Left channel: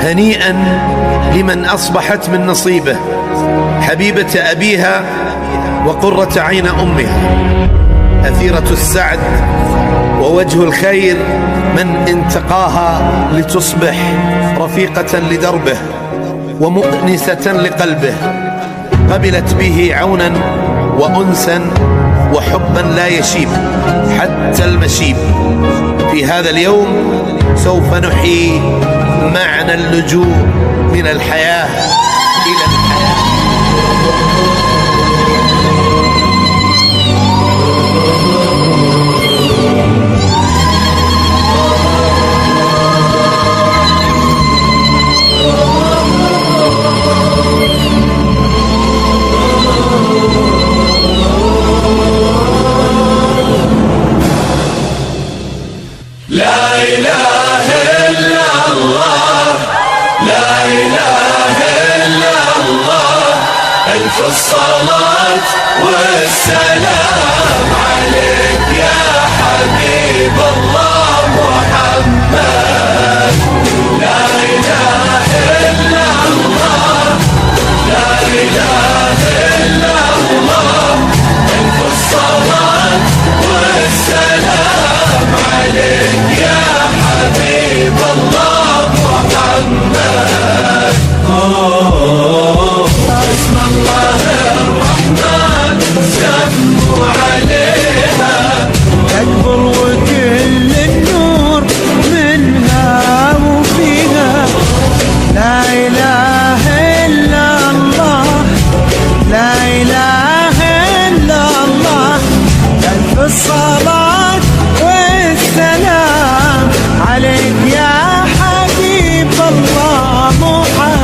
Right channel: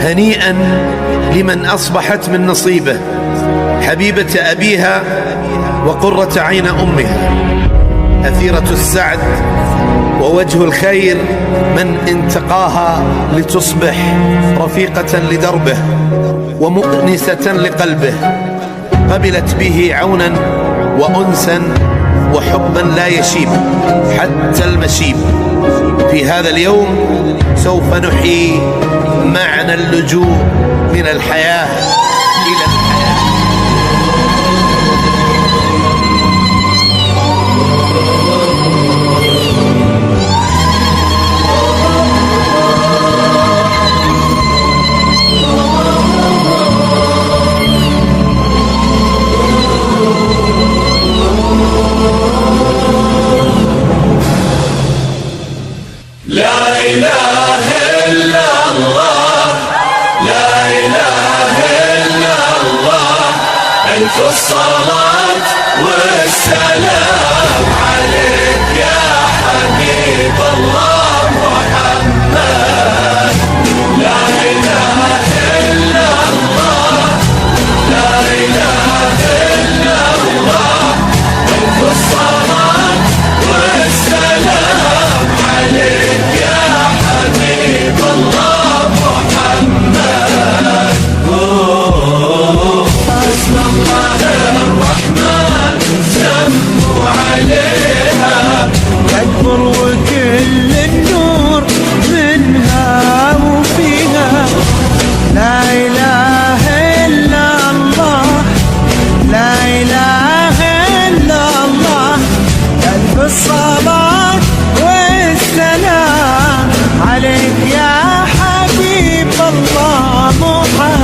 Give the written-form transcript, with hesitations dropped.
هنيئا لمن أصبحت من نصيبه حبيبة أبيها وقرة عين أمها، أثيرة السعد ووجه الخير من انتقاها لتصبح رفيقة لدربه ومؤنسة لقلبه، قبلت به عونا وأنسا وحبا لا يشيب حتى المشيب. في هذا اليوم سوف نحيي معنى اللجوء من الحياة إلى الحياة. لا إله إلا الله، لا إله إلا الله، ألف الصلاة والسلام عليك يا حبيب الله محمد. لا إله إلا الله، لا إله إلا الله، ألف الصلاة والسلام عليك يا حبيب الله محمد. بسم الله الرحمن سموا عليها، تكبر وكل النور منها وفيها. لا إله إلا الله، لا إله إلا الله، ألف الصلاة والسلام عليك يا حبيب الله محمد.